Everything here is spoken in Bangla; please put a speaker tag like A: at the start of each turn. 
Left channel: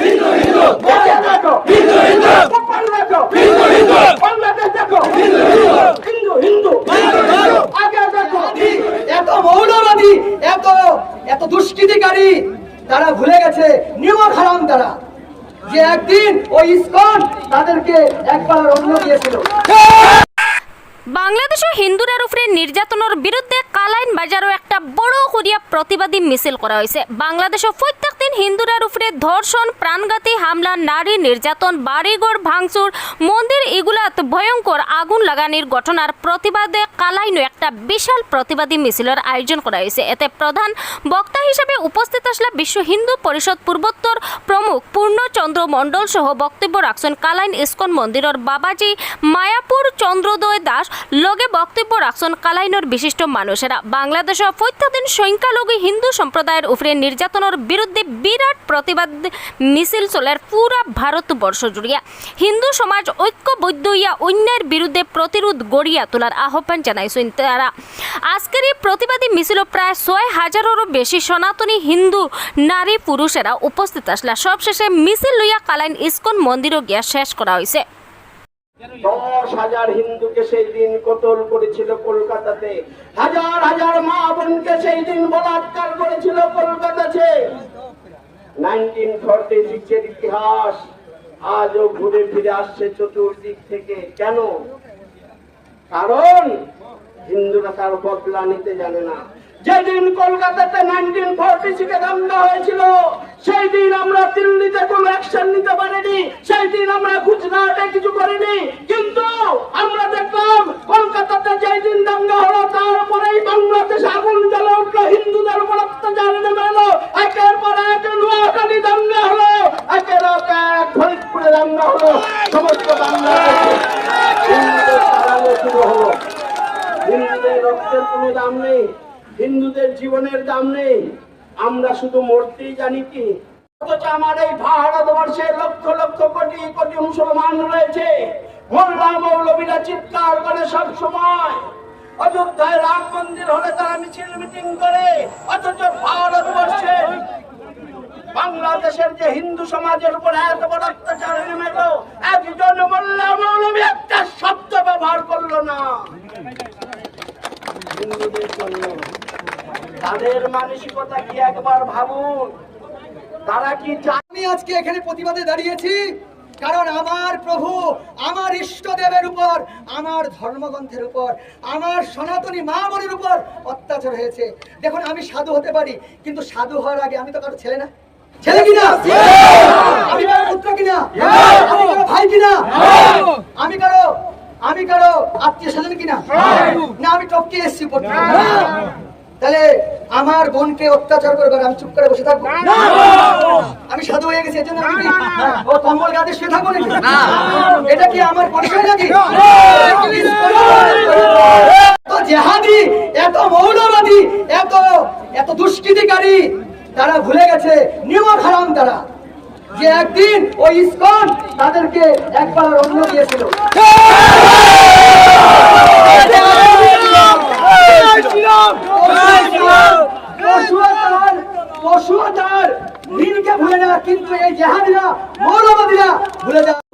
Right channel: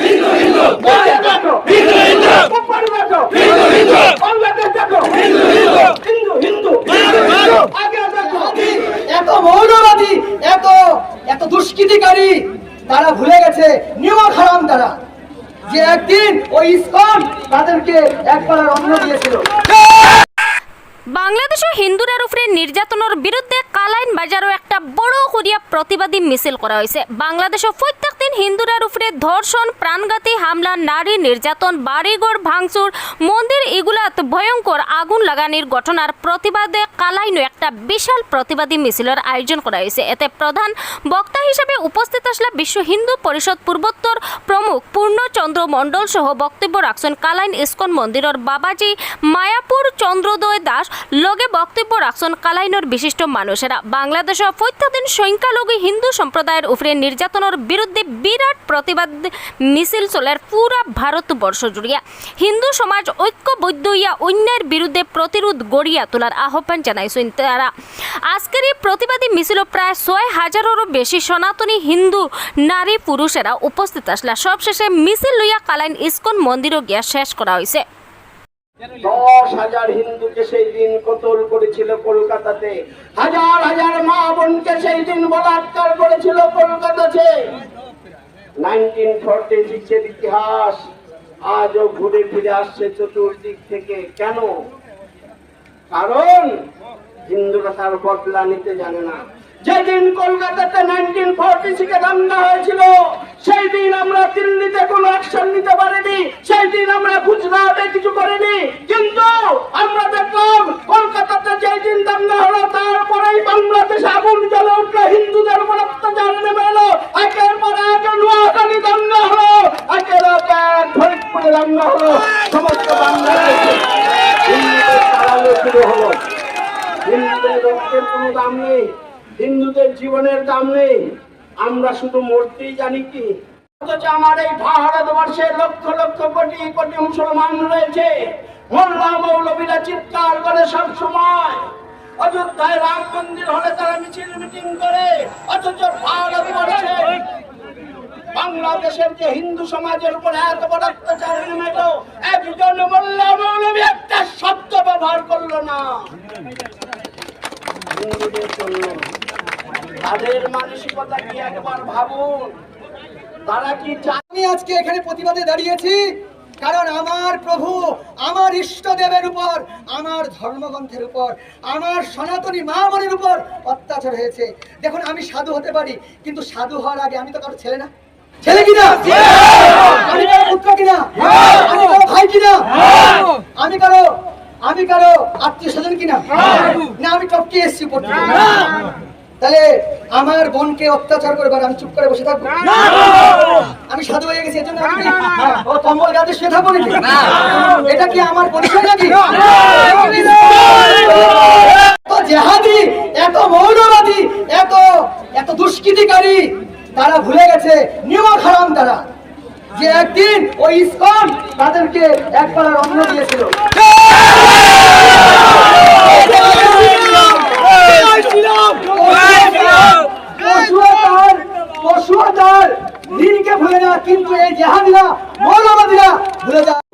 A: হিন্দু হিন্দু হিন্দু হিন্দু হিন্দু হিন্দু বাংলাদেশ দেখো হিন্দু হিন্দু হিন্দু হিন্দু আগে দেখো
B: এত মৌলবাদী এত এত দুষ্কৃতিকারী তারা ভুলে গেছে নিয়ম হারাম তারা যে একদিন ওই ইসকন তাদেরকে একবার অন্ন দিয়েছিল
C: বাংলাদেশও হিন্দুদের উপরে নির্যাতনের বিরুদ্ধে কালাইন বাজারও একটা বড় করিয়া প্রতিবাদী মিছিল করা হয়েছে। বাংলাদেশও প্রত্যেক দিন হিন্দুদের উপরে ধর্ষণ, প্রাণঘাতী হামলা, নারী নির্যাতন, বাড়িঘর ভাঙচুর, মন্দির এগুলাত ভয়ঙ্কর আগুন লাগানির ঘটনার প্রতিবাদে কালাইনও একটা বিশাল প্রতিবাদী মিছিলের আয়োজন করা হয়েছে। এতে প্রধান বক্তা হিসেবে উপস্থিত আসলে বিশ্ব হিন্দু পরিষদ পূর্বোত্তর প্রমুখ পূর্ণচন্দ্র মণ্ডল সহ বক্তব্য রাখছেন কালাইন ইস্কন মন্দিরের বাবাজি মায়াপুর চন্দ্রোদয় দাস লগে বক্তব্য রাখছেন কালাইনের বিশিষ্ট মানুষেরা। বাংলাদেশের প্রত্যেকদিন সংখ্যালঘু হিন্দু সম্প্রদায়ের উপরে নির্যাতনের বিরুদ্ধে বিরাট প্রতিবাদ মিছিল চলের পুরা ভারতবর্ষ জুড়িয়া। হিন্দু সমাজ ঐক্যবদ্ধ হইয়া অন্যের বিরুদ্ধে প্রতিরোধ গড়িয়া তোলার আহ্বান জানাইছেন তারা। আজকের এই প্রতিবাদী মিছিল প্রায় ছয় হাজারেরও বেশি সনাতনী হিন্দু নারী পুরুষেরা উপস্থিত আসলা। সবশেষে মিছিল লইয়া কালাইন ইস্কন মন্দিরও গিয়া শেষ করা হয়েছে
A: দশ হাজার হিন্দুকে সেই দিন কতল করেছিল কলকাতাতে। হাজার হাজার মা বোনকে সেই দিন বলাৎকার করেছিল কলকাতাতে। নাইনটিন ফর্টি সিক্সের ইতিহাস আজও ঘুরে ফিরে আসছে চতুর্দিক থেকে। কেন? কারণ হিন্দুরা তার বদলা নিতে জানে না। যেদিন কলকাতাতে নাইনটিন ফর্টি সিক্সে দাঙ্গা হয়েছিল দিল্লিতে কোনো অ্যাকশন নিতে পারিনি সেই দিন আমরা গুজরাটে কিছু করিনি। কিন্তু আমরা দেখলাম, কলকাতাতে যেই দিন দাঙ্গা হলো, তারপরেই বাংলাদেশে আগুন জ্বলে উঠল, হিন্দুদের উপর অত্যাচার নেমে এলো। একের পর এক নোয়াখালী দাঙ্গা হলো, একের এক ফরিদপুরে দাঙ্গা হলো। সমস্ত বাংলাদেশে হিন্দুদের হলো। হিন্দুদের রক্তের কোনো দাম নেই, হিন্দুদের জীবনের দাম নেই। আমরা শুধু মরতেই জানি কি অথচ আমার এই ভারতবর্ষে লক্ষ লক্ষ কোটি কোটি মুসলমান রয়েছে। মোল্লা মৌলবীরা চিৎকার করে সব সময়। অযোধ্যায় রাম মন্দির হলে তারা মিছিল মিটিং করে। অথচ ভারতবর্ষে বাংলাদেশের যে হিন্দু সমাজের উপর এত বড় অত্যাচার নেমে এলো একজন মোল্লা মৌলবী একটা শব্দ ব্যবহার করল না। হিন্দুদের জন্য তাদের মানসিকতা কি একবার ভাবুন? তারা কি
B: আমি আজকে এখানে প্রতিবাদে দাঁড়িয়েছি কারণ আমার প্রভু আমার ইষ্টদেবের উপর আমার ধর্মগ্রন্থের উপর আমার সনাতনী মা বোনের উপর অত্যাচার হয়েছে। দেখুন আমি সাধু হতে পারি কিন্তু সাধু হওয়ার আগে আমি তো কারও ছেলে না। ছেলে কিনা আমি কারও পুত্র কিনা আমি কারও ভাই কিনা আমি কারও আমি কারও আত্মীয় স্বজন কিনা না? আমি টপকে এসছি তাহলে আমার বোনকে অত্যাচার আর আমি চুপ করে বসে থাকব। আমি সাধু হয়ে গেছি এর জন্য আমি হ্যাঁ, ও কম্বল গাতে শুয়ে থাকব নাকি? এটা কি আমার পরিচয় নাকি? এত জেহাদি এত মৌলবাদী এত এত দুষ্কৃতিকারী তারা ভুলে গেছে নিয়ম হারাম তারা। যে একদিন ওই ইসকন তাদেরকে একবার অন্ন দিয়েছিল পশুও তার পশুও তার ভুলে না কিন্তু এই জেহাদিরা মৌলবাদীরা ভুলে যায়